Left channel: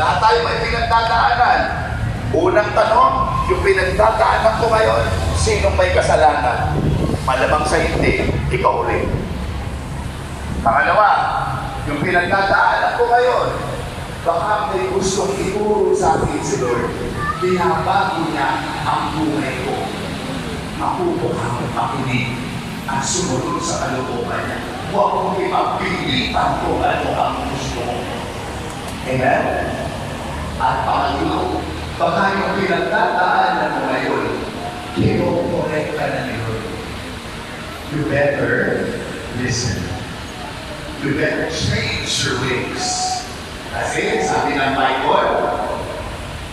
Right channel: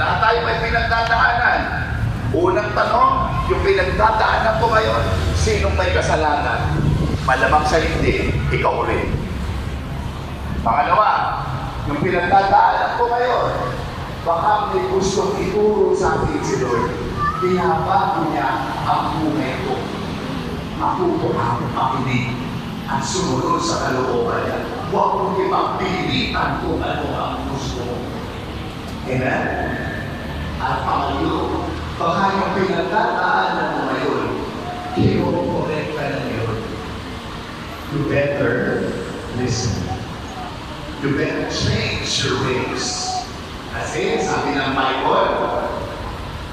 Lahat tayo may pinagdadaanan. Unang tanong, yung pinagdadaanan ko ngayon, sinong may kasalanan? Malamang sa hindi, ikaw rin. Pangalawa, yung pinagdadaanan ko ngayon, baka may gustong ituro sa akin si Lord. Binabago niya ang buhay ko. Matuto akong makinig at sumunod sa kalooban niya. Huwag kong ipagpilitan kung ano ang gusto mo. Amen? At pangatlo, baka yung pinagdadaanan mo ngayon, kino-correct ka na ngayon. You better listen. You better change your ways. Kasi sabi ng Bible,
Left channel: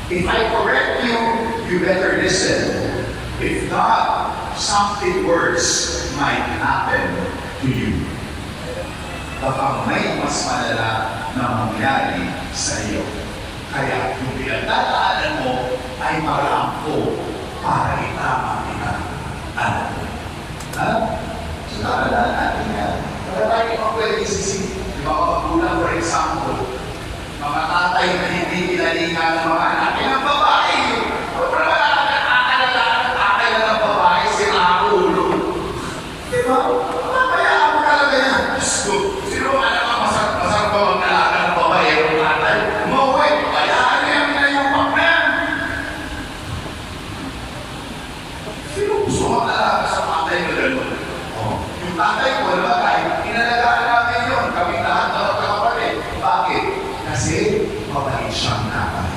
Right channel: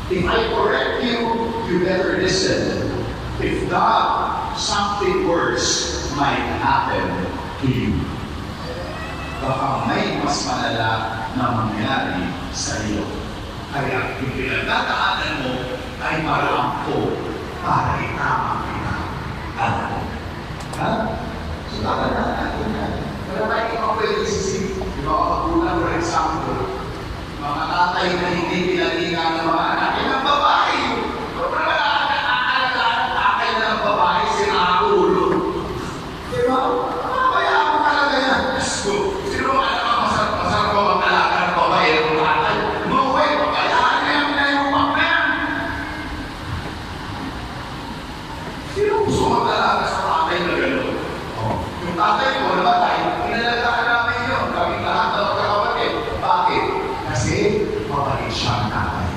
if I correct you, you better listen. If not, something worse might happen to you. Baka may mas malala na mangyari sa iyo. Kaya yung pinagdadaanan mo ay maraan ko para itamang kita. Ano? Ha? So, tara natin yan. Wala tayo mga pwede isisip. Di ba, magulang, for example, mga tatay na hindi kinalinga ng mga anak, ng babae. Wala nakakalaga ng tatay na ng babae, sinakulo. Di ba? Kaya ang kalaga niya, sino ang anak ang masarap ko ang nalaga ng babae ng tatay? Maway, kaya ano yung pinayupak na yan? Sino gusto maglalaga sa tatay na gano'n? Yung tatay ko, diba tayo, inalagaan namin yun. Kami lahat ng kapatid. Bakit? Kasi mabalik siyang nanay.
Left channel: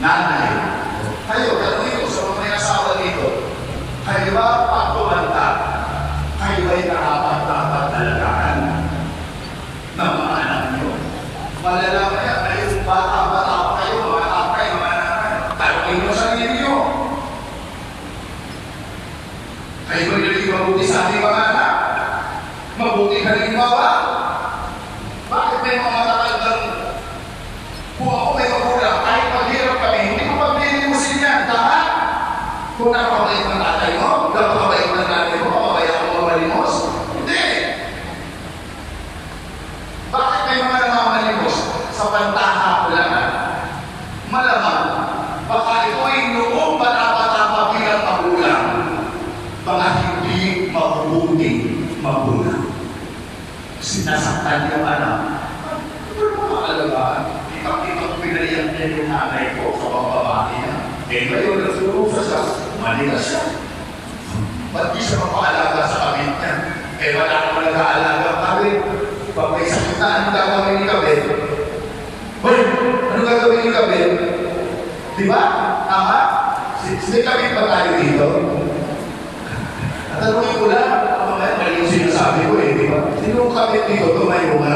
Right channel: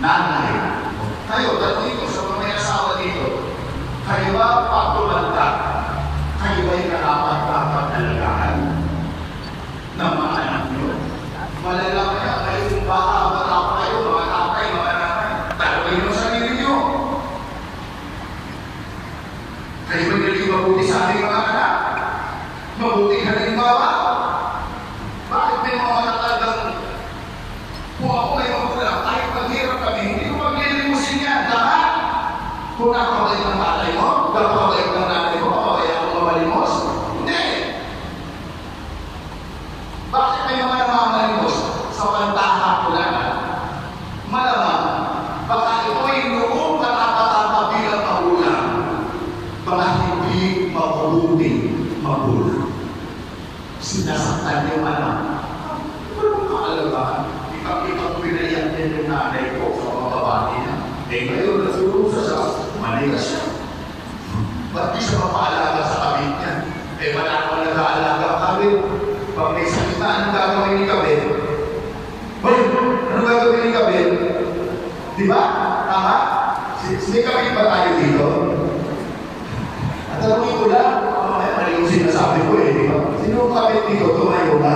Nanay. Kayo, tanongin ko sa mga may asawa dito. Kayo ba pag tumanda? Kayo ba'y karapat-dapat alagaan ng mga anak nyo? Malalaman niya, kayo bata-bata pa kayo, mga tatay, mga nanay. Tanongin mo sa ninyo. Kayo ba'y naging mabuti sa ating mga anak? Mabuti halimbawa? Bakit may mga matatandang kung ako may magulang, kahit paghirap kami, hindi ko paglilimusin yan. Tama? Kung nakakabalik ng tatay mo, nakakabalik ng nanay mo, kapabayaan mo mamalimos? Hindi! Bakit may mga namamalimos? Sa pantaha ko lang. Malamang, baka ito ay noong patapa-tapa bilang magulang. Mga hindi mabuting magulang. Sinasaktan yung anak. Ito yung makalagaan. Ipag-ipag ko pinaiyak din yung nanay ko sa mga babae niya. Eh ngayon, nagsurusa siya. Mali na siya. Ba't di siya mapaalaga sa kabit niya? Eh wala naman nag-aalaga ang kabit. Pag may sakit na, anong gagawin ni kabit? Hoy! Anong gagawin ni kabit? Di ba? Tama? May kabit ba tayo dito? Tanungin ko lang, mali yung sinasabi ko eh, di ba? Sino kabit dito? Tumayo ba?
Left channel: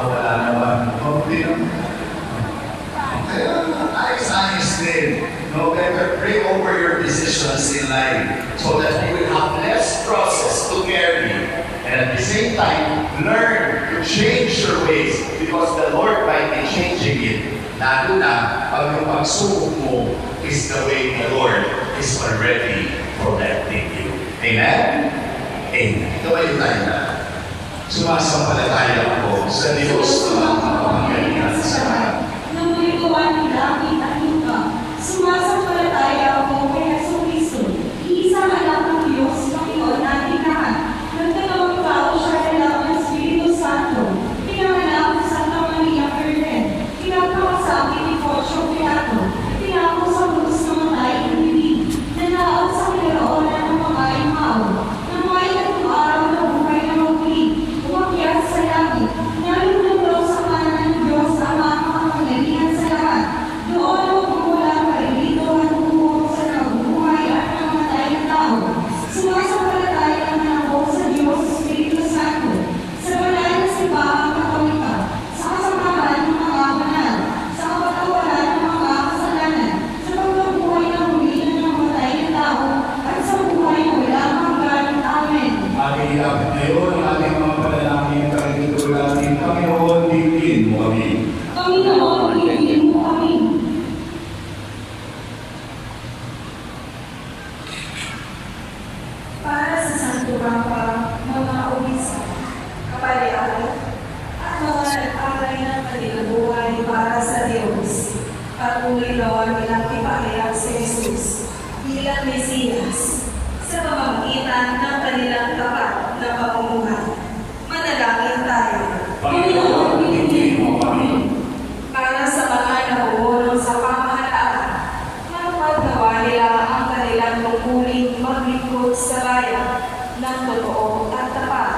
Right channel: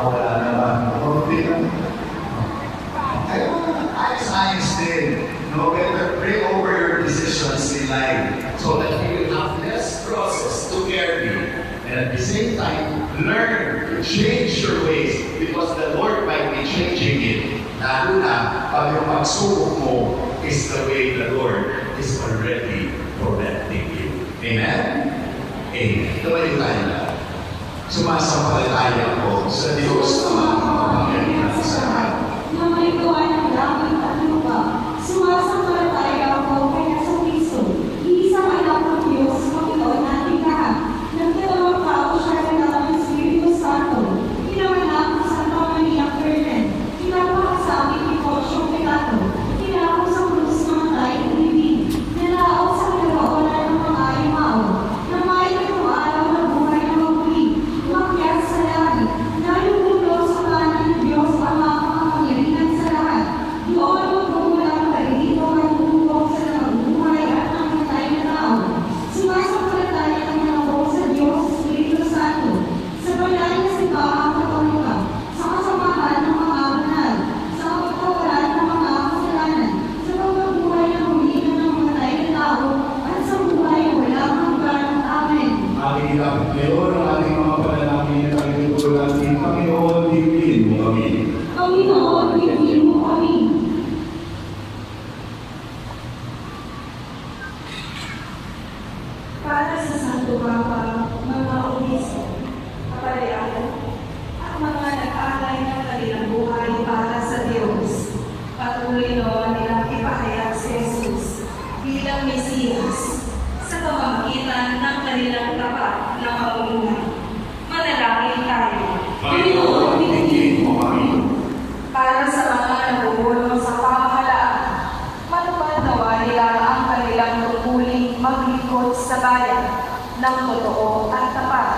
Wala naman. Kaya ay science din. No, better pray over your decisions in life so that you will have less process to carry. And at the same time, learn to change your ways because the Lord might be changing it. Lalo na pag yung pagsubok mo is the way the Lord is already correcting you. Amen? Amen. Tumayo tayo na. Sumasampalataya ako sa Diyos na makapangyarihan sa lahat. Na may gawa ng langit at lupa, sumasampalataya ako kay Jesucristo, iisang anak ng Diyos, Panginoon nating lahat. Nagdalawang tao siya ng Espiritu Santo, pinanganak sa Santa Maria Virgen, pinagpakasabi ni Poncio Pilato, tinapos sa krus ng matay hindi, nanaot sa kinaroonan ng mga imao, na may tatlong araw na buhay na magli, umakyat sa langit, nalulunod sa kanan ng patuloy nawa nilang ipahayag si Jesus bilang Mesiyas sa pamamagitan ng kanilang tapat na pamumuhay. Manalangin tayo. Panginoon, hindi mo kami. Para sa mga namumulong sa pamahalaan, matupad nawa nila ang kanilang tungkuling maglingkod sa bayan ng totoo at tapat.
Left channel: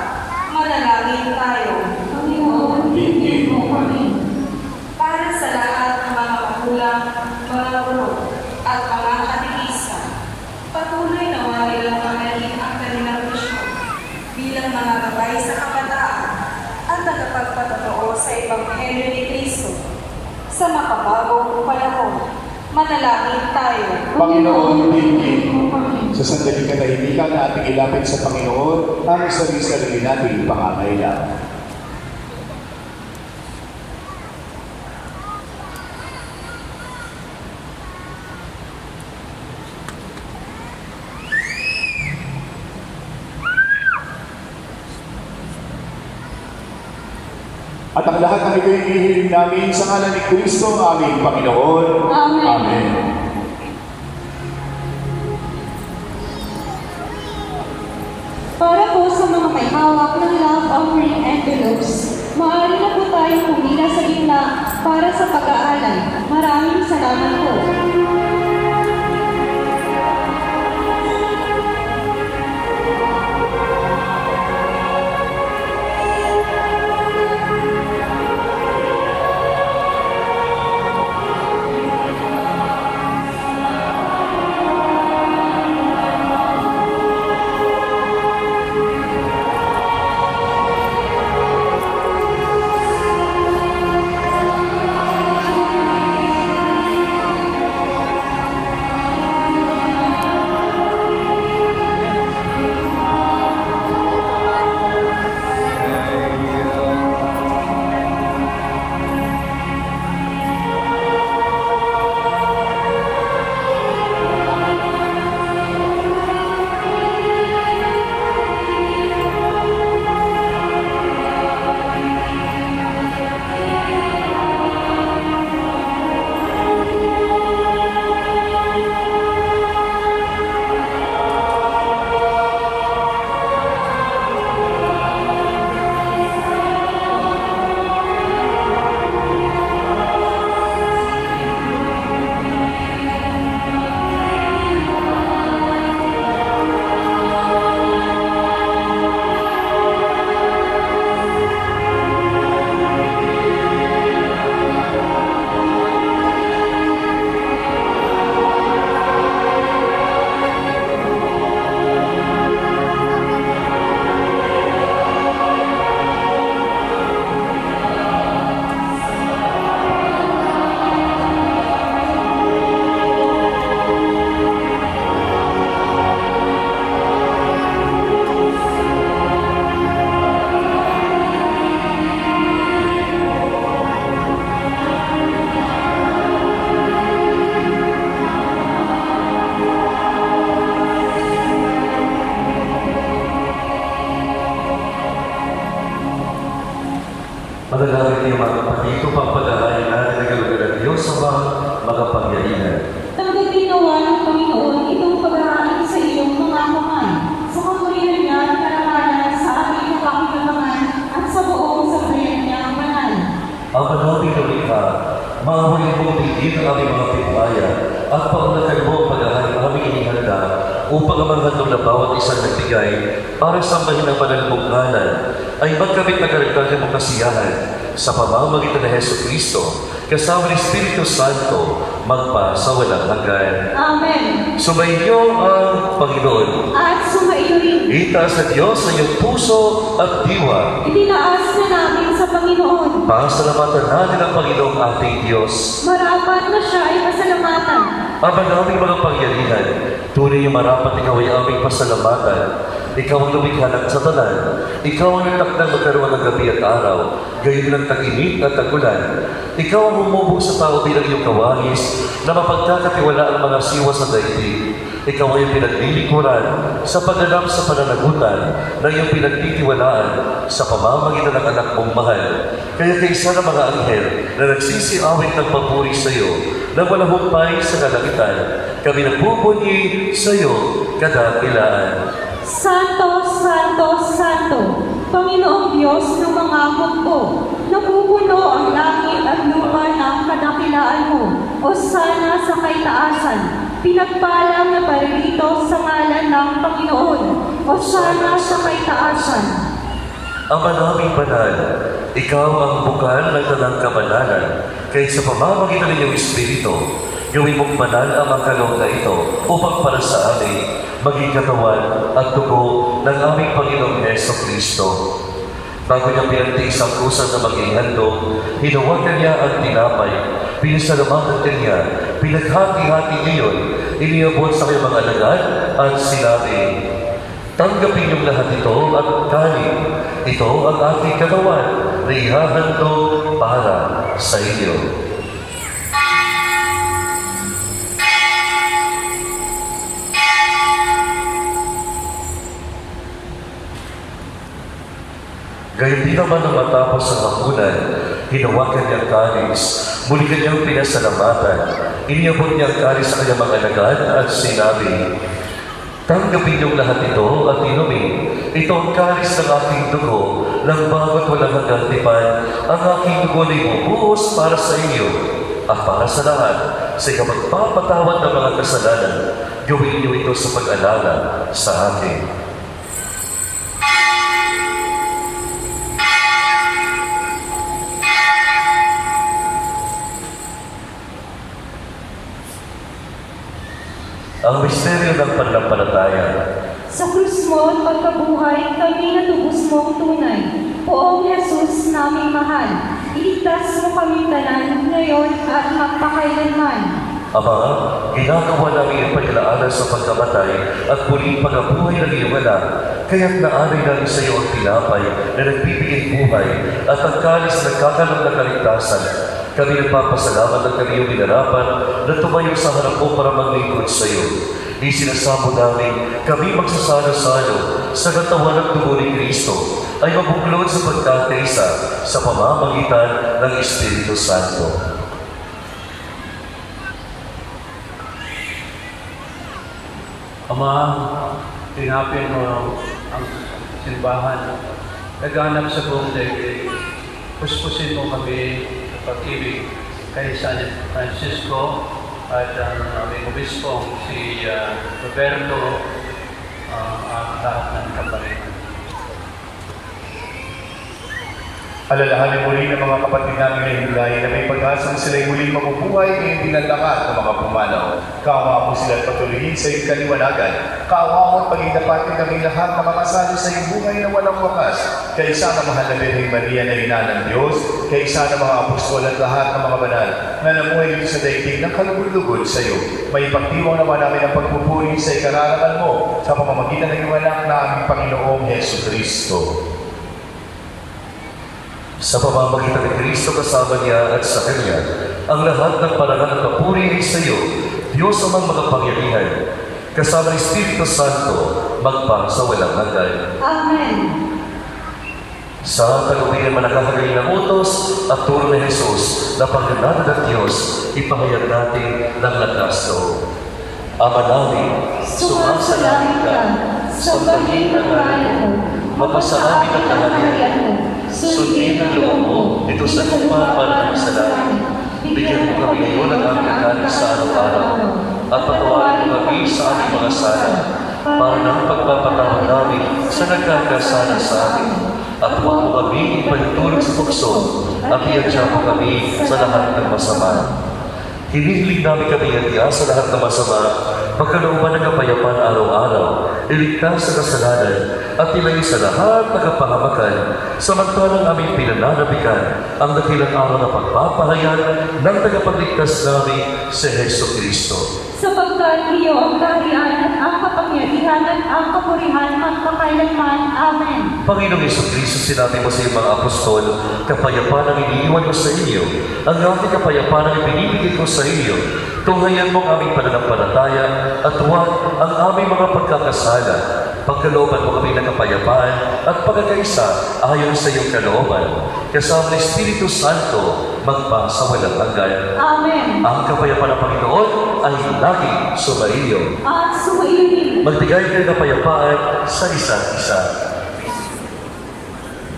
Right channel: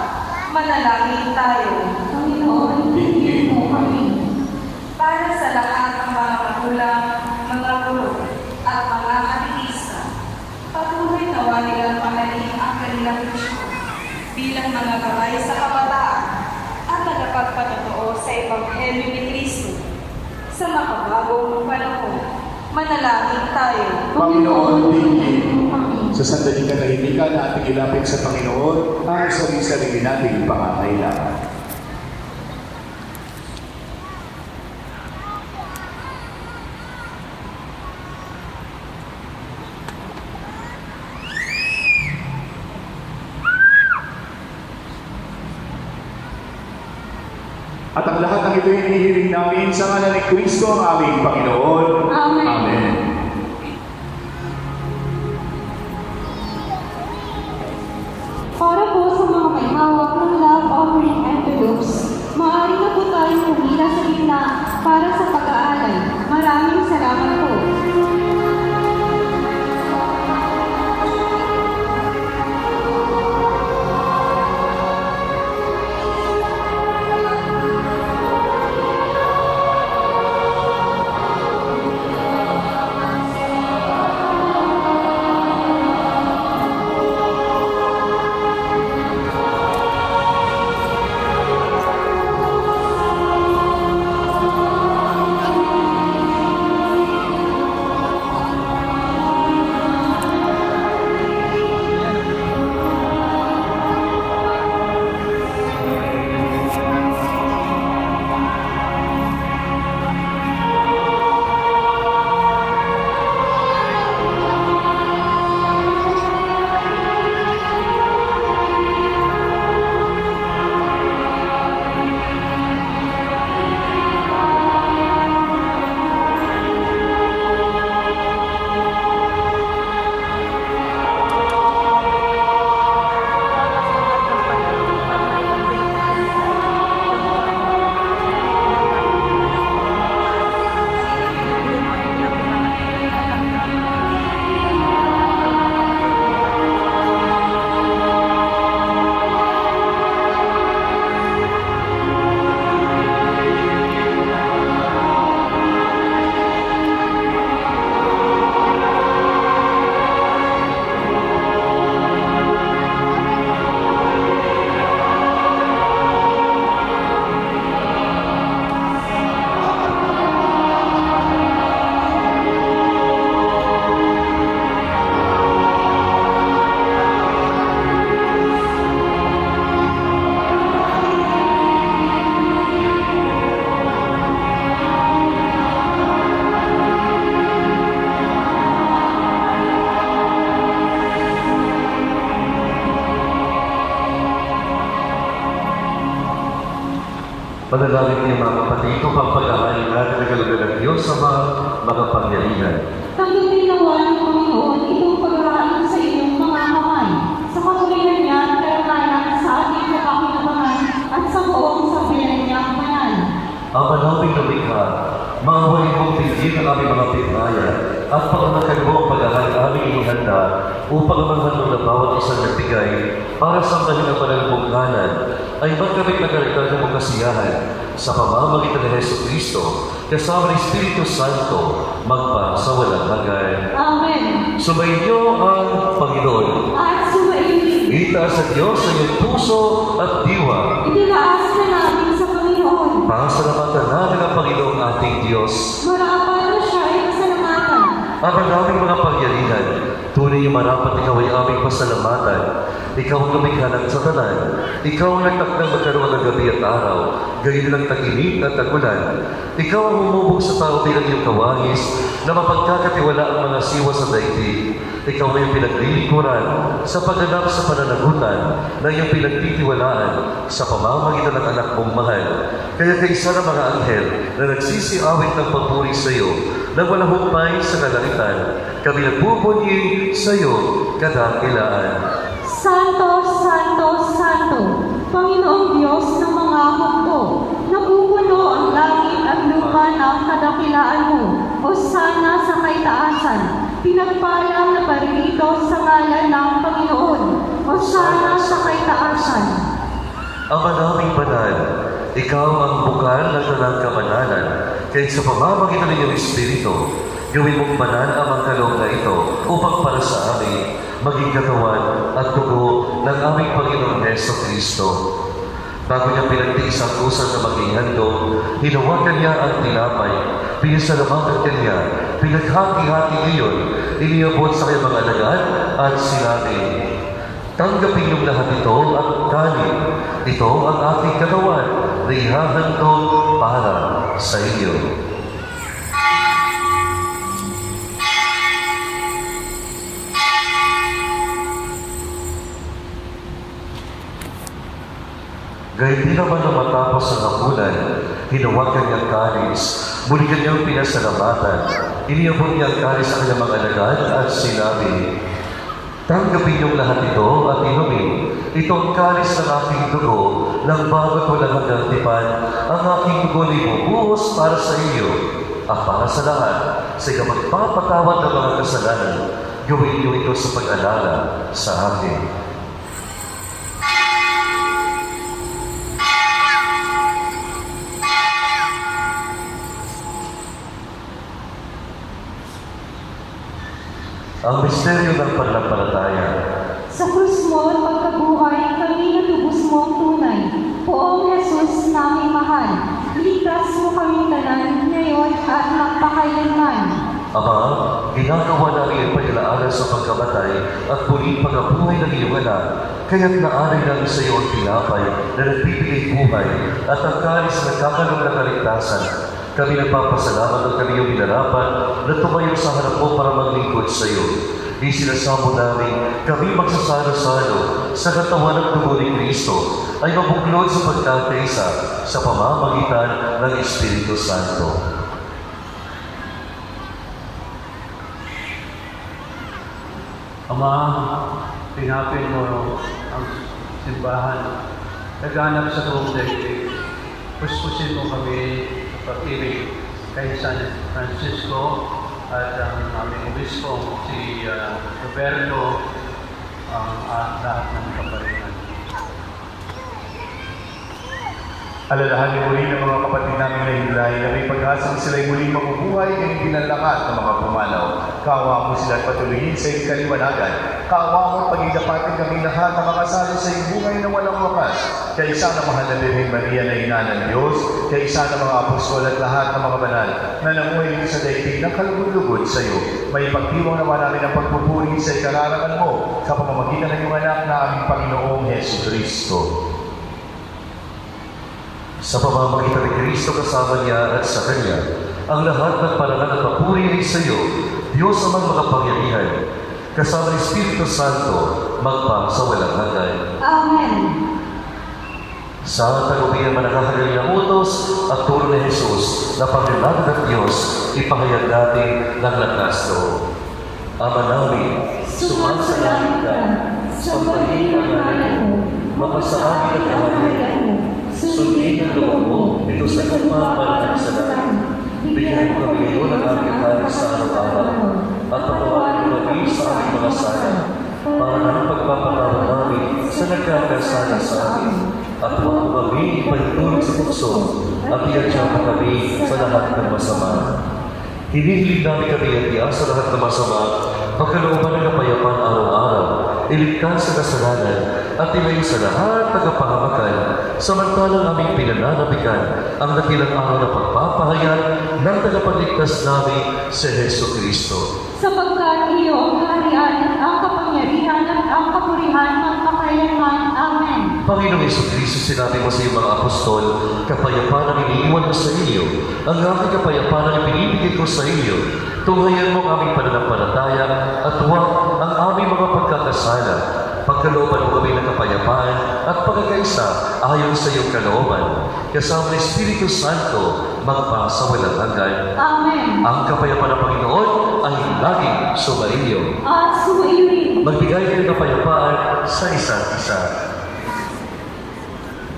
Manalangin tayo. Panginoon, hindi mo kami. Para sa lahat ng mga magulang, mga guro, at mga katekista, patuloy nawa nilang mahalin ang kanilang misyon bilang mga gabay sa kabataan at tagapagpatotoo sa Ebanghelyo ni Kristo sa makabagong panahon. Manalangin tayo. Panginoon, hindi sa sandaling katahimikan na ating ilapit sa Panginoon ang sarili nating pangangailangan. At ang lahat ng ito hinihiling namin sa ngalan ni Kristo ang aming Panginoon. Amen. Amen. Para po sa mga may hawak ng love offering envelopes, maaari na po tayong pumila sa gitna para sa pag-aalay. Maraming salamat po. Manalangin niyo mga kapatid, upang pag-ahalin natin ang kalugar ng Diyos sa mga makapangyarihan. Tanggapin nawa ng Panginoon itong pag-ahalin sa iyong mga kamay, sa kapurihan niya at karangalan sa ating kapakinabangan at sa buong sambayan niyang banal. Ang manawing lumikha, maawain mong tigil ang aming mga pitbayan at pangalakan mo ang pag-ahalin aming inihanda upang ang handog na bawat isang nagbigay para sambahin ang banal mong ngalan ay magkamit na karagdagan mong kasiyahan sa pamamagitan ng Hesus Kristo kasama ng Espiritu Santo magpa sa walang hanggan. Amen. Sumainyo ang Panginoon. At sumaiyo Itaas sa Diyos sa iyong puso at diwa. itinaas na namin sa Panginoon. Pasalamatan natin ang Panginoong ating Diyos. Marapat na siya ay pasalamatan. Ang aming mga pangyarihan, tunay yung marapat ikaw ay aming pasalamatan. Ikaw ang lumikha ng satanan. Ikaw ang nagtakdang magkaroon ng gabi at araw, gayon lang tag-init at tag-ulan. Ikaw ang humubog sa tao bilang iyong kawangis na mapagkakatiwala ang mga siwa sa daigdig. Ikaw ay pinaglilikuran sa pagganap sa pananagutan na iyong pinagtitiwalaan sa pamamagitan ng anak mong mahal. Kaya kaisa ng mga anghel na nagsisiawit ng papuri sa iyo, na walang humpay sa kalangitan. Kami nagbubunyi sa iyo kadakilaan. Santo, Santo, Santo, Panginoong Diyos ng mga hukbo, napupuno ang langit at lupa ng kadakilaan mo. Hosana sa kaitaasan, pinagpalang na paririto sa ngalan ng Panginoon. Hosana sa kaitaasan. Ama naming banal, ikaw ang bukal ng tanang kabanalan, kaya sa pamamagitan ng iyong Espiritu, gawin mong banal ang mga kaloob na ito upang para sa amin maging katawan at dugo ng aming Panginoong Jesucristo. Bago niya pinagtiis ang kusa na maging handog, hinawakan niya ang tinapay, pinasalamatan niya, pinaghati-hati iyon, iniabot sa kanyang mga alagad at sinabi, tanggapin niyong lahat ito at kanin. Ito ang aking katawan na ihahandog para sa inyo. Gayun din naman na matapos ang hapunan, hinawakan niya ang kalis, muli kanyang pinasalamatan, iniabot niya ang kalis sa kanyang mga alagad at sinabi, tanggapin niyong lahat ito at inumin. Ito ang kalis ng aking dugo, ng bago ko lang hanggang tipan, ang aking dugo na ibubuhos para sa iyo at para sa lahat. Sa ikapagpapatawad ng mga kasalanan, gawin niyo ito sa pag-alala sa akin. Ang misteryo ng pananampalataya. Sa krus mo at pagkabuhay, kami natubos mo ang tunay. Poong Jesus naming mahal, iligtas mo kami tanan ngayon at magpakailanman. Ama, ginagawa namin ang paglalaanan sa pagkamatay at muling pagkabuhay ng iyong anak. Kaya't naari namin sa iyo ang tinapay na nagbibigay buhay at ang kalis na kakalong na kaligtasan. Kami nagpapasalamat at kami yung inarapan na tumayo sa harap mo para maglingkod sa iyo. Isinasamo namin kami magsasalo-salo sa katawan at dugo ni Kristo ay mabuklod sa pagkakaisa sa pamamagitan ng Espiritu Santo. Ama, tinapin mo ang simbahan. Naghanap sa buong daigdig. Puspusin mo kami pag-ibig kay San Francisco at ang aming obispo, si Roberto, at lahat ng kaparinan. Alalahanin muli ng mga kapatid namin na hinulay na may pag-asang sila'y muling mabubuhay ngayong dinalakat ng mga pumanaw. Kaawa mo sila at patuloyin sa iyong kaliwanagan. Kaawa mo at pag-idapatin kami lahat ng mga kasalo sa iyong buhay na walang wakas. Kaisa na mahal na Birheng Maria na ina ng Diyos, kaisa na mga apostol at lahat ng mga banal na namuhay sa daigdig ng kalugod-lugod sa iyo. May ipagdiwang naman namin ang pagpupuri sa ikararangan mo sa pamamagitan ng iyong anak na aming Panginoong Jesucristo. Sa pamamagitan ni Kristo kasama niya at sa Kanya, ang lahat ng parangal at papuri ay sa iyo, Diyos amang makapangyarihan, kasama ng Espiritu Santo, magpang sa walang hanggan. Amen. Sa kalubigan manakahagaling na utos at turo ni Jesus na pagkalanan ng Diyos, ipahayag natin ng lakas loob. Ama namin, Sumasalangit ka, sambahin ang ngalan mo, mapasa amin ang kaharian mo, sundin ang loob mo, dito sa lupa para sa langit. Bigyan mo kami ngayon ng aming kanin sa araw-araw at patawarin mo kami sa aming mga sala para ng pagpapatawad namin sa nagkakasala sa amin at huwag mo kami ipagtulog sa tukso at iadya mo kami sa lahat ng masama. Hinihiling namin kami iadya sa lahat ng masama pagkalooban ng kapayapaan araw-araw, iligtas sa kasalanan at ilayo sa lahat ng kapahamakan, samantalang aming pinananabikan ang dakilang araw na pagpapahayag ng tagapagligtas namin si Hesus Kristo. Sapagkat iyo ang kaharian at ang kapangyarihan at ang kapurihan magpakailanman. Amen. Panginoong Hesus Kristo, sinabi mo sa iyong mga apostol, kapayapaan ang iniiwan ko sa iyo, ang aking kapayapaan ang ibinibigay ko sa iyo. Tunghayan mo ang aming pananampalataya at huwag ang aming mga pagkakasala. pagkalooban mo kami ng kapayapaan at pagkakaisa ayon sa iyong kalooban. Kasama ng Espiritu Santo, magpa sa walang hanggan. Amen. Ang kapayapaan ng Panginoon ay laging sumaiyo. At sumaiyo din. Magbigay kayo ng kapayapaan sa isa't isa.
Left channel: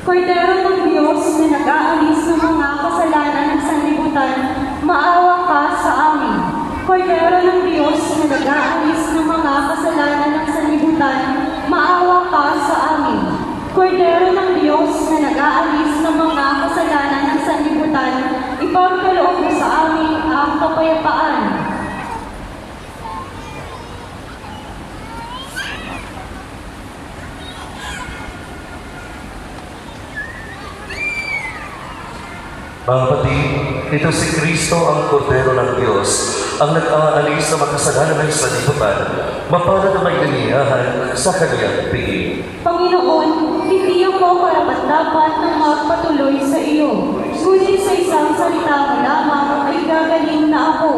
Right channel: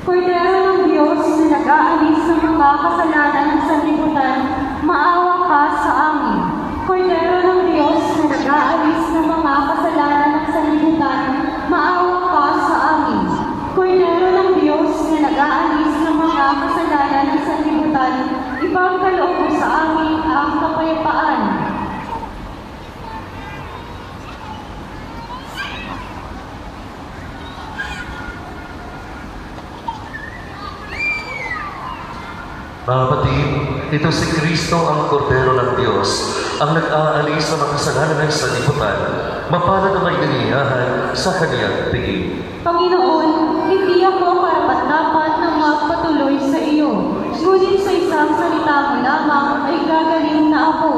Kordero ng Diyos na nag-aalis ng mga kasalanan ng sanlibutan, maawa ka sa amin. Kordero ng Diyos na nag-aalis ng mga kasalanan ng sanlibutan, maawa ka sa amin. Kordero ng Diyos na nag-aalis ng mga kasalanan ng sanlibutan, ipagkaloob mo sa amin ang kapayapaan. Mga kapatid, ito si Kristo ang Kordero ng Diyos, ang nag-aalis sa makasalanan ng sanlibutan, mapana na may naniyahan sa kaniyang piging. Panginoon, hindi ako karapat-dapat na magpatuloy sa iyo. Ngunit sa isang salita mo lamang ay gagaling na ako.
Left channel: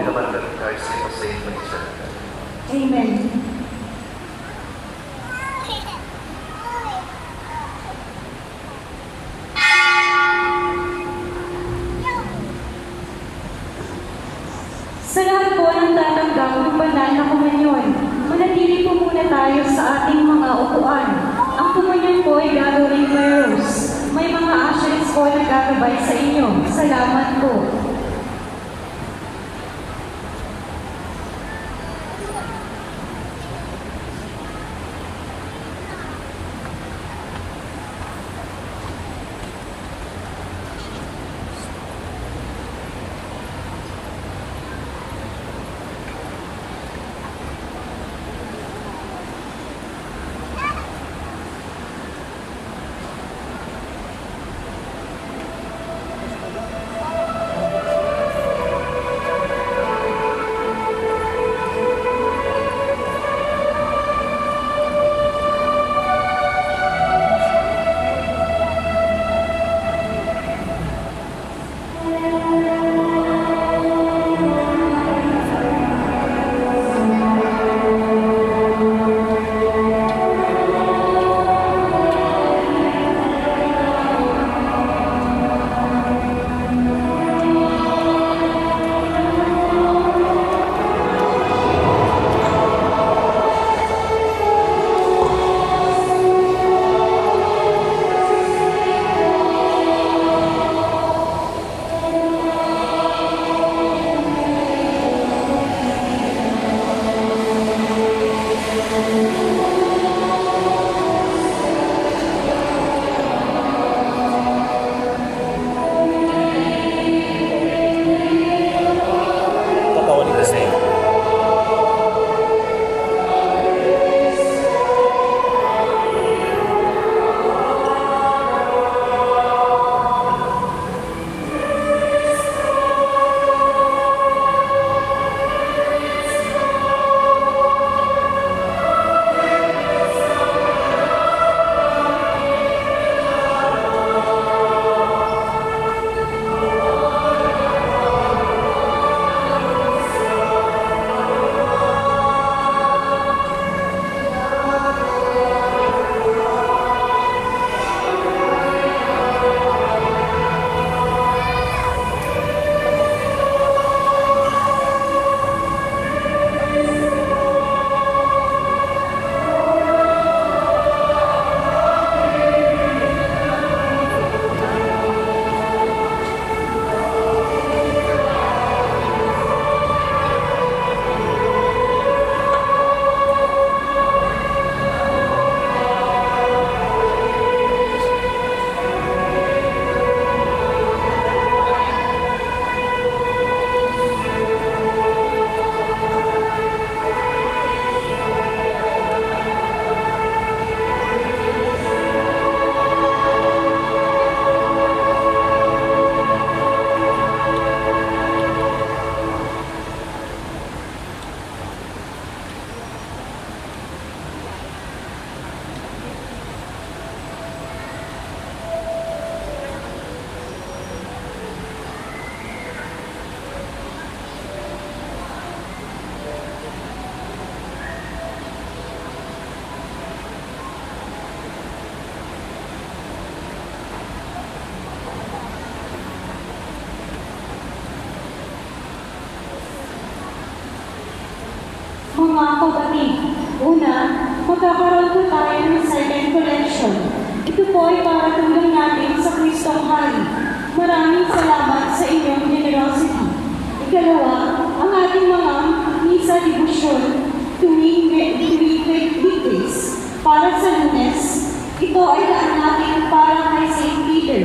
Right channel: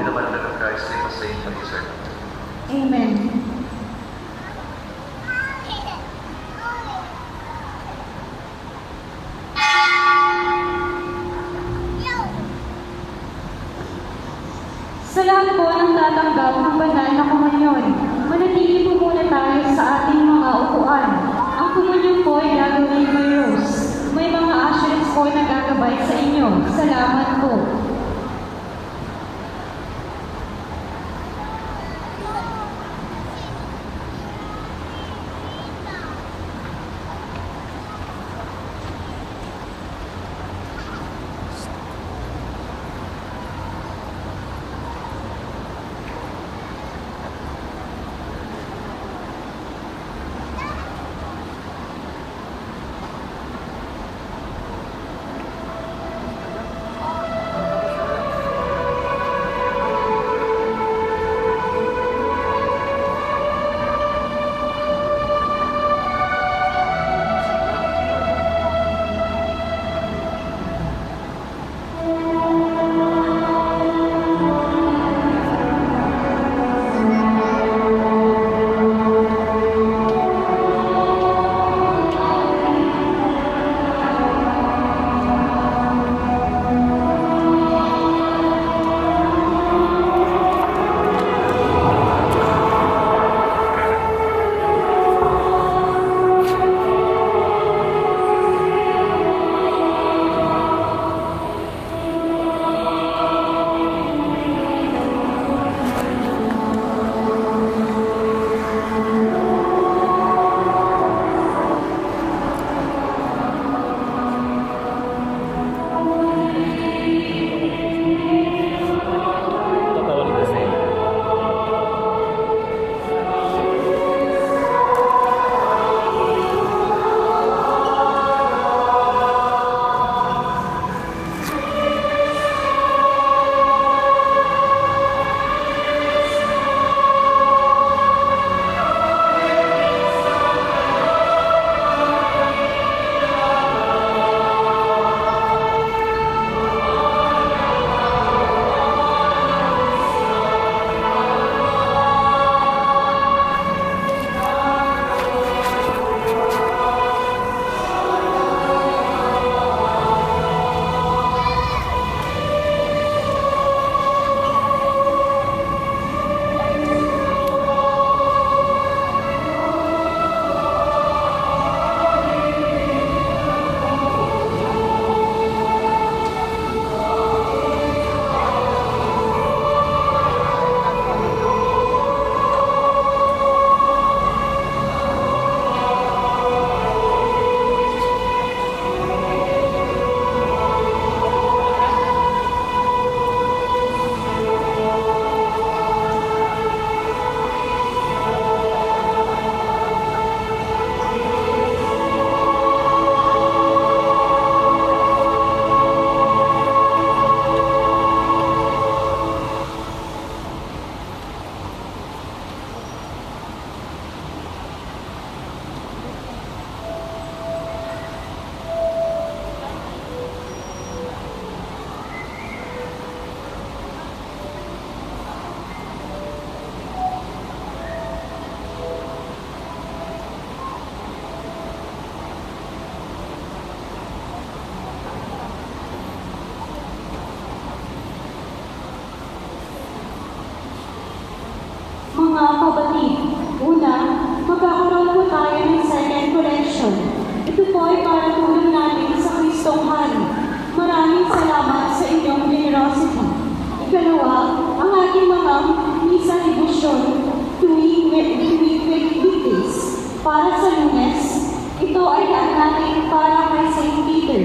Pinapanagal ng Christ ay masayin ng isa. Amen. Sa lahat po ng tatanggap ng banal na komunyon, manatili po muna tayo sa ating mga upuan. Ang Mga kapatid, una, magkakaroon po tayo ng second collection. Ito po ay para tulong natin sa Kristong Hari. Maraming salamat sa inyong generosity. Ikalawa, ang ating mga misa devotion tuwing weekdays para sa Lunes. Ito ay daan natin para kay St. Peter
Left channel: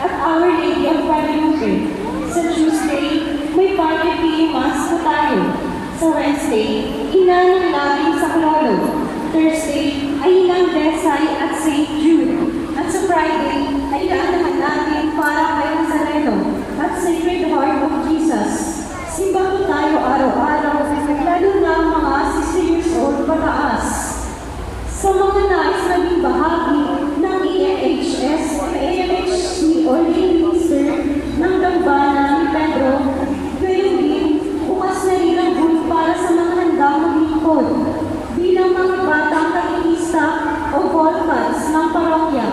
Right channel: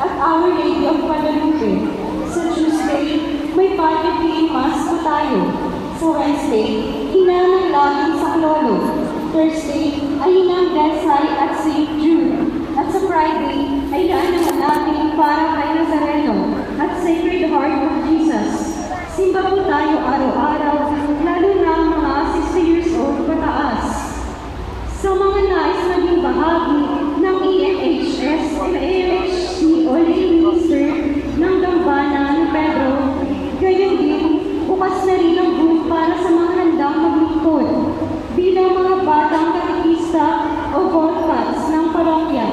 at Our Lady of Guadalupe. Sa Tuesday, may Pagkapi Mass po tayo. Sa Wednesday, hinanang namin sa Clolo. Thursday, ay hinang Desai at St. Jude. At sa Friday, ay hinanang natin para kay Nazareno at Sacred Heart of Jesus. Simba po tayo araw-araw, lalo na ang mga 60 years old pataas. Sa mga nais naging bahagi ng EMHS o EMHC o Lay Minister ng Dambana ni Pedro, gayon din, bukas na rin ang group para sa mga handang maglingkod bilang mga batang katekista o volcans ng parokya.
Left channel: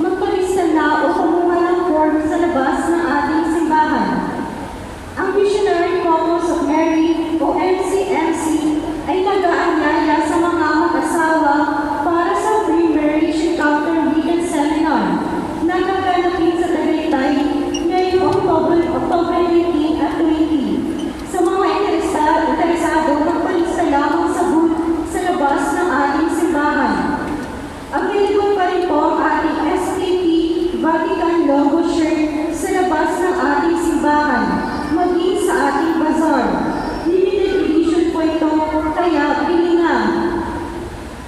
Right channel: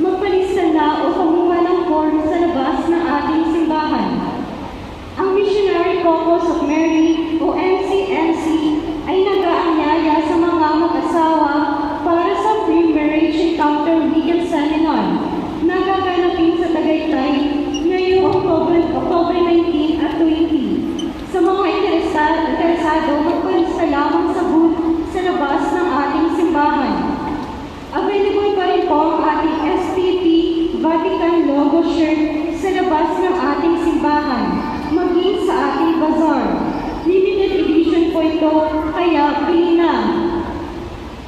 Magpalista na o kumuha ng form sa labas ng ating simbahan. Ang Missionary Couples of Mary o MCMC ay nag-aanyaya sa mga mag-asawa para sa pre-marriage encounter weekend seminar na gaganapin sa Tagaytay ngayong October 19 at 20. Sa mga interesado, magpalista lamang sa booth sa labas ng ating simbahan. Available pa rin po ang ating STP Vatican logo shirt sa labas ng ating simbahan, maging sa ating bazaar. Limited edition po ito, kaya pili na.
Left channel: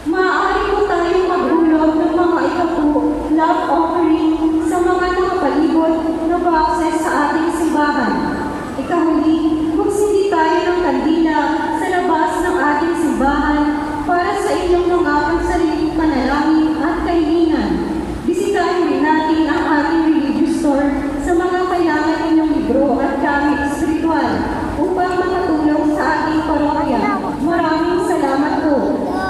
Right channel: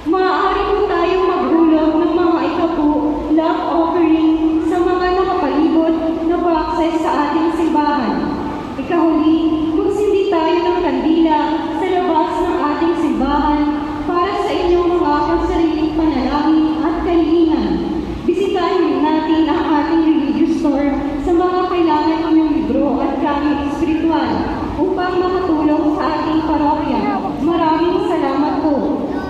Maaari po tayong maghulog ng mga ikapu love offering sa mga nakapalibot na access sa ating simbahan. Ikahuli, magsindi tayo ng kandila sa labas ng ating simbahan para sa inyong mga pansariling panalangin at kahilingan. Bisitahin rin natin ang ating religious store sa mga kailangan inyong libro at gamit espiritual upang makatulong sa ating parokya. Maraming salamat po.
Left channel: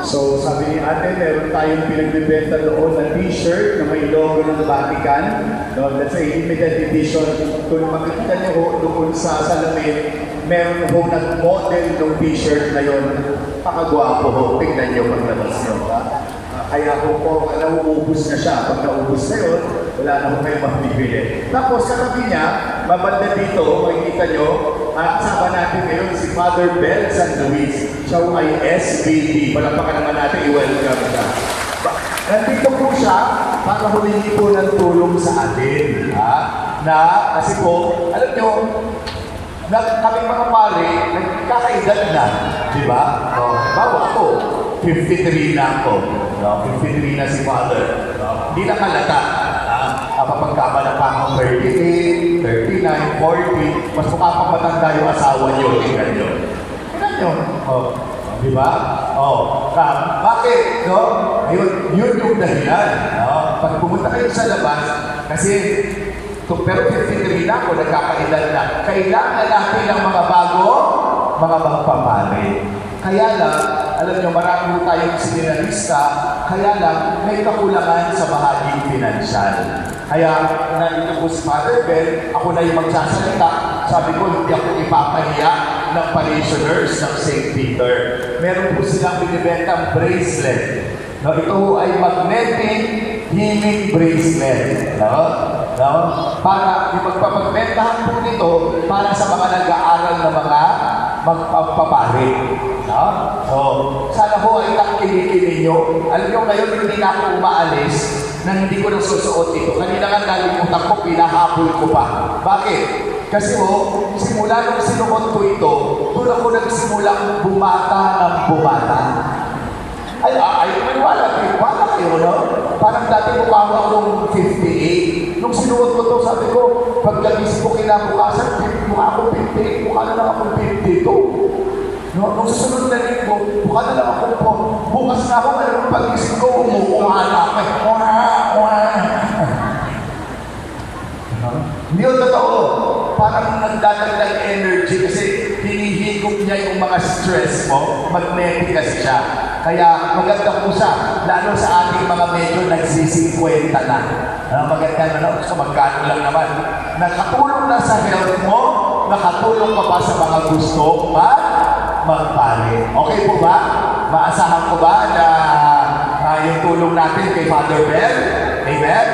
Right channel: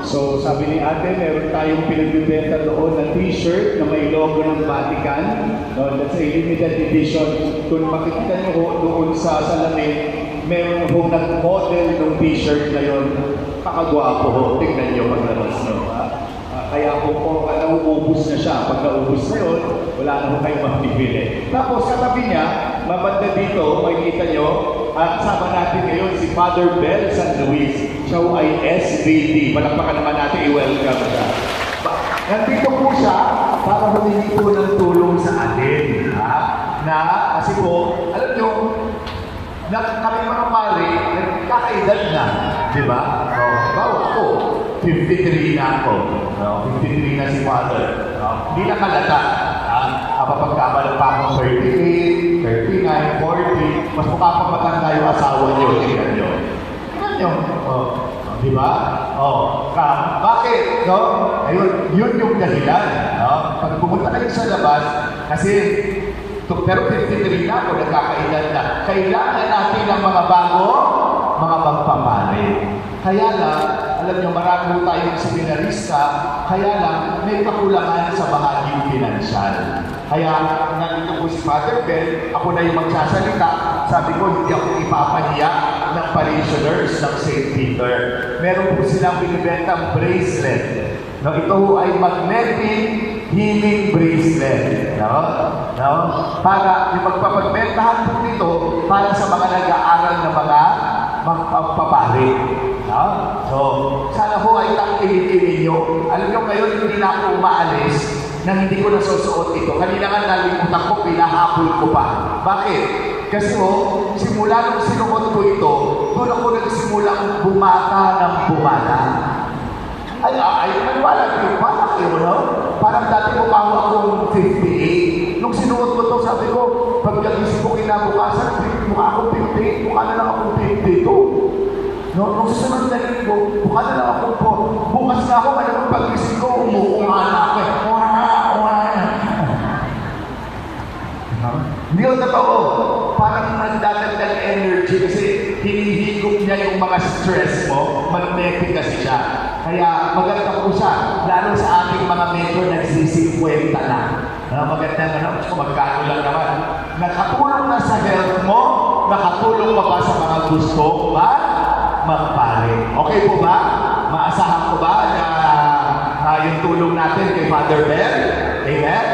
So sabi ni ate, meron tayong pinagbibenta doon na t-shirt na may logo ng Vatican. No, that's a limited edition. Kung makikita niyo doon sa salamin, meron po nag-model ng t-shirt na yun. Pakagwapo ho, tignan niyo paglalas niyo. Kaya po nauubos na siya. Pag nauubos na yun, wala na ho kayong mabibili. Tapos katabi niya, mabanda dito, makikita niyo, kasama natin ngayon si Father Bel San Luis. Siya ay SVD. Palakpakan naman natin, i-welcome siya. Nandito po siya para humingi po ng tulong sa atin. Kasi po, alam niyo, kami mga pare, nagkakaedad na. Di ba? Bawa ako, 53 na ako. 53 na si Father. Hindi na kalata. Kapagkabala pa akong 38, 39, 40, mas mukha pa matanda yung asawa niyo. Tingnan niyo. Tingnan niyo. Di ba? Bakit? No? Ayun, yun yung dahilan. No? Pag pumunta kayo sa labas, kasi pero 53 na ako, nagkakailan na. Kailangan natin ng mga bago, mga magpapalit. Kaya lang, alam nyo, marami tayong seminarista, kaya lang, may kakulangan sa bahaging pinansyal. Kaya, nandito po si Father Bel, ako na yung magsasalita. Sabi ko, hindi ako ipapahiya ng parishioners ng St. Peter. Meron po silang binibentang bracelet. No, ito ay magnetic healing bracelet. No? Para yung magpapagbentahan po nito para sa mga nag-aaral na mga magpapapari. No? So, sana po ay tangkilikin ninyo. Alam nyo, ngayon hindi na ako umaalis na hindi ko nasusuot ito. Kanina nga nalimutan ko, pinahabol ko pa. Bakit? Kasi simula nung sinuot ko ito, doon ako nagsimulang bumata ng bumata. Ay, maniwala kayo, bakit kayo, no? Parang dati mukha akong 58. Nung sinuot ko ito, sabi ko, pagkagising ko kinabukasan, mukha akong 58, mukha na lang akong 52. No, nung susunod na linggo, mukha na lang akong 4. Bukas na ako, alam mo, paggising ko, umuunga na ako. Hindi yun totoo. Parang nagdadagdag energy kasi hinihigop niya yung mga stress mo, magnetic kasi siya. Kaya maganda po siya, lalo sa ating mga medyo nagsisikwenta na. Maganda na gusto magkano lang naman. Nakatulong na sa health mo, nakatulong pa ba sa mga gusto at magpare. Okay po ba? Maasahan ko ba na yung tulong natin kay Father Bell? Amen?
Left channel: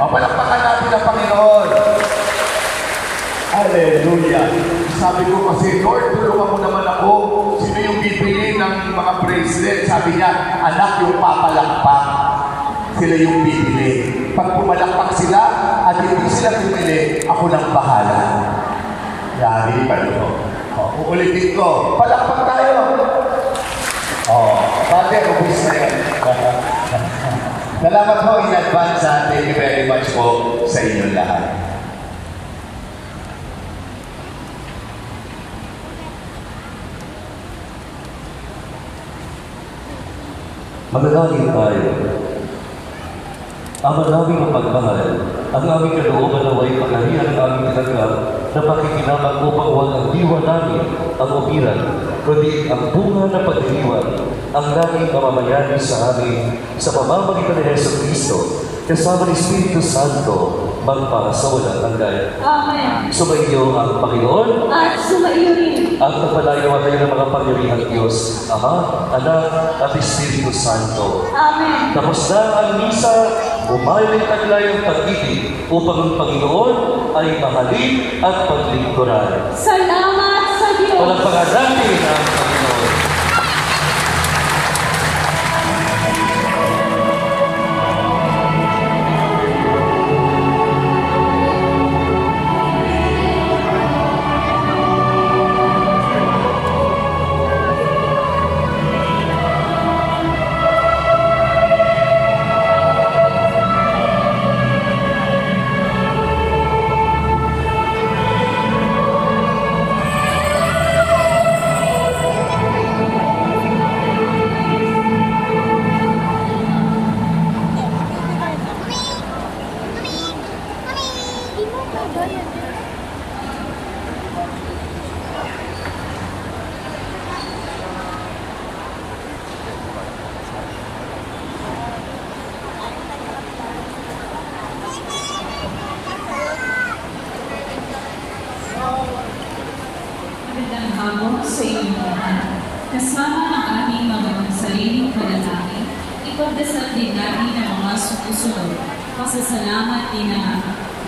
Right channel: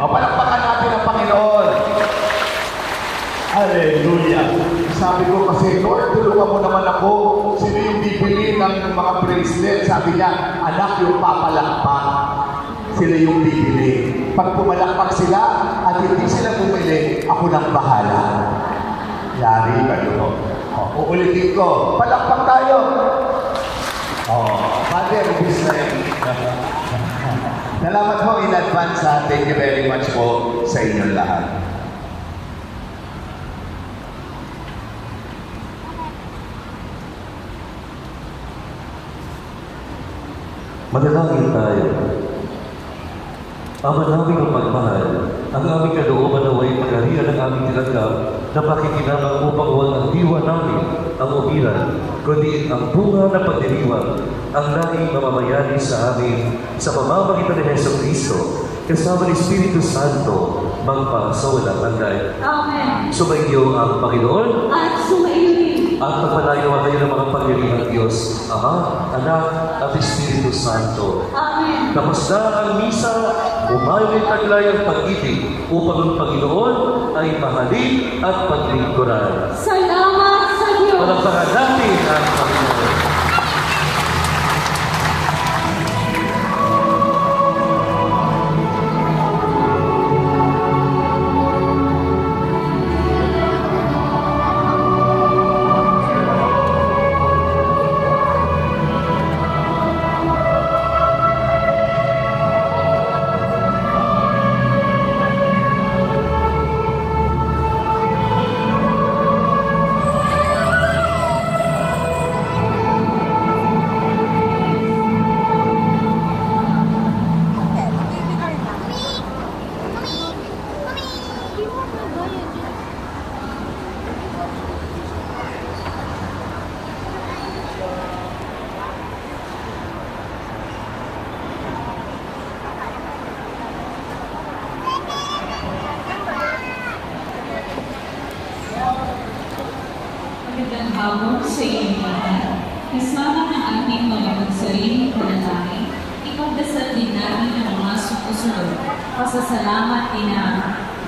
O, palakpakan natin ang Panginoon. Hallelujah. Sabi ko kasi, Lord, tulungan mo naman ako. Sino yung bibili ng mga bracelet? Sabi niya, anak yung papalakpak. Sila yung bibili. Pag pumalakpak sila at hindi sila bumili, ako nang bahala. Yari kayo. Uulitin ko, palakpak tayo. Father, ubis na yan. Salamat po in advance. Thank you very much po sa inyong lahat. Manalangin tayo. Ama namin ang pagmahal, ang aming kalooban na way pagkarihan ng aming tinanggap na pakikinabang upang huwag ang diwa namin ang umiran, kundi ang bunga na pagdiriwang ang laging mamamayari sa amin sa pamamagitan ni Jesucristo kasama ni Espiritu Santo magpasawalang hanggan. Amen. Sumaiyo ang Panginoon At sumaiyo rin. at napalayo kayo ng mga pangyarihang Diyos, Ama, Anak, at Espiritu Santo. Amen. Tapos na ang misa, bumalik taglay ang pag-ibig upang ang Panginoon ay mahalin at paglingkuran. Salamat sa Diyos. Palakpakan natin ang Panginoon. Magandang hapon sa inyong lahat. Kasama ng ating mga magsariling panalangin, ipagdasal din natin ang mga sumusunod. Pasasalamat din na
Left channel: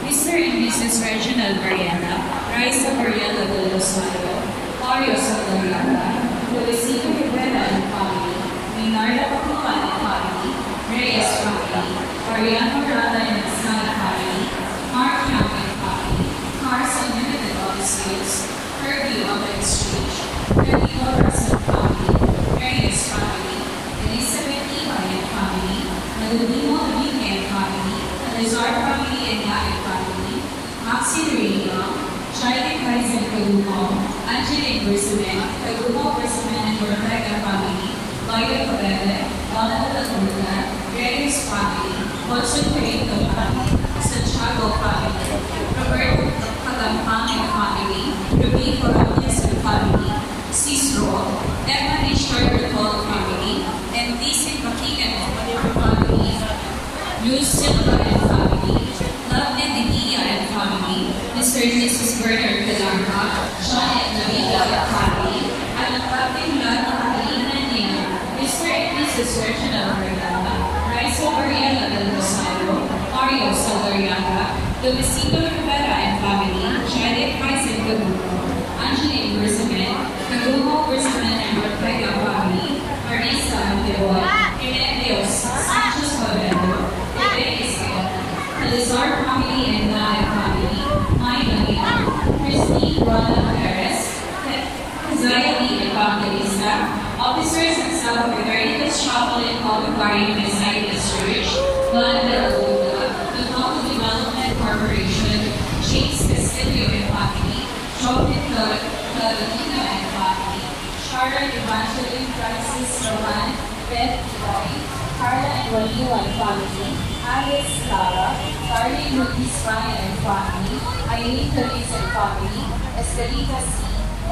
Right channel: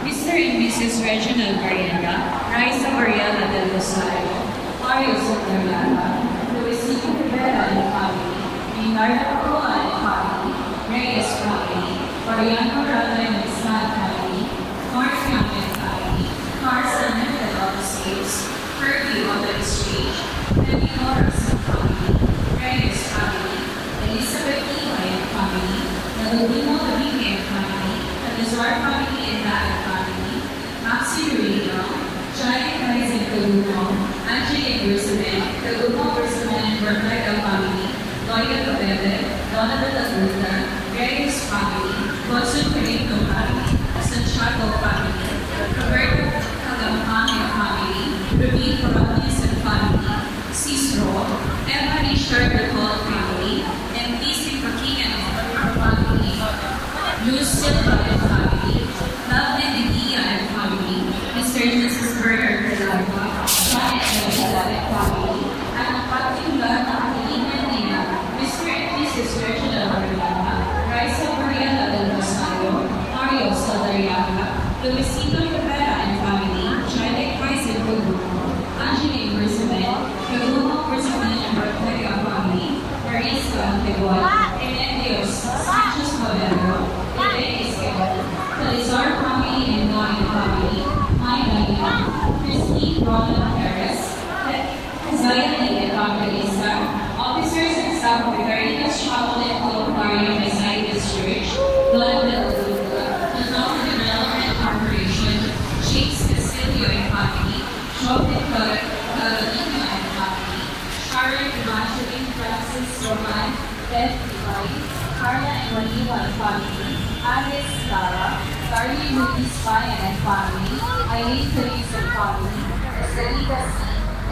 Mr. and Mrs. Reginald Mariana, Raisa Mariela del Rosario, Mario Santariana, Luisito Rivera and family, Leonardo Coa and family, Reyes family, Mariano Rada and Ismael family, Mark Campbell family, Carson Mendel of the States, Kirby of the Exchange, Nandino Russell family, Reyes family, Elizabeth Iwa and family, Nandino Domingue and family, Alizar family and Naya family, Maxi Rino, Chayek Kaizen Kalumo, Angelique Bersamen, Kalumo Bersamen and Rebecca family, Loida Cabebe, Donovan Laguna, Reyes family, Hudson Perito family, Santiago family, Roberto Kagampang and family, Ruby Corales and family, Cicero, Emma Richard Recall family, and Tisi Pakigan and family, Luz Silva and family, Lovely Degia and family, Mr. and Mrs. Bernard Cadarma, Janet Navida and family, at ang particular na Catalina Nina, Mr. and Mrs. Reginald Mariana, Raisa Mariela del Rosario, Mario Salariaga, Luisito Rivera and family, Janet Kaizen Kalumo, Angelique Bersamen, Kalumo Bersamen and Rebecca family, Marisa Anteboy, Enendios Sanchez Pabelo, Ebe Esquel, Calizar family and Naya family, Maida Hian, Christine Ronald Perez, Zaya Lee Evangelista, officers and staff of the Veritas Chapel and Calvary of Messiah's Church, Donna de la Luna, Total Development Corporation, James Castillo and family, Joaquin Carolina and family, Sharon Evangeline Francis Roman, Beth Roy, Carla and Juanila and family, Agnes Lara, Darlene Luis Maya and family, Eileen Calise and family, Estelita C,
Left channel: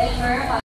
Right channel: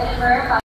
Elmer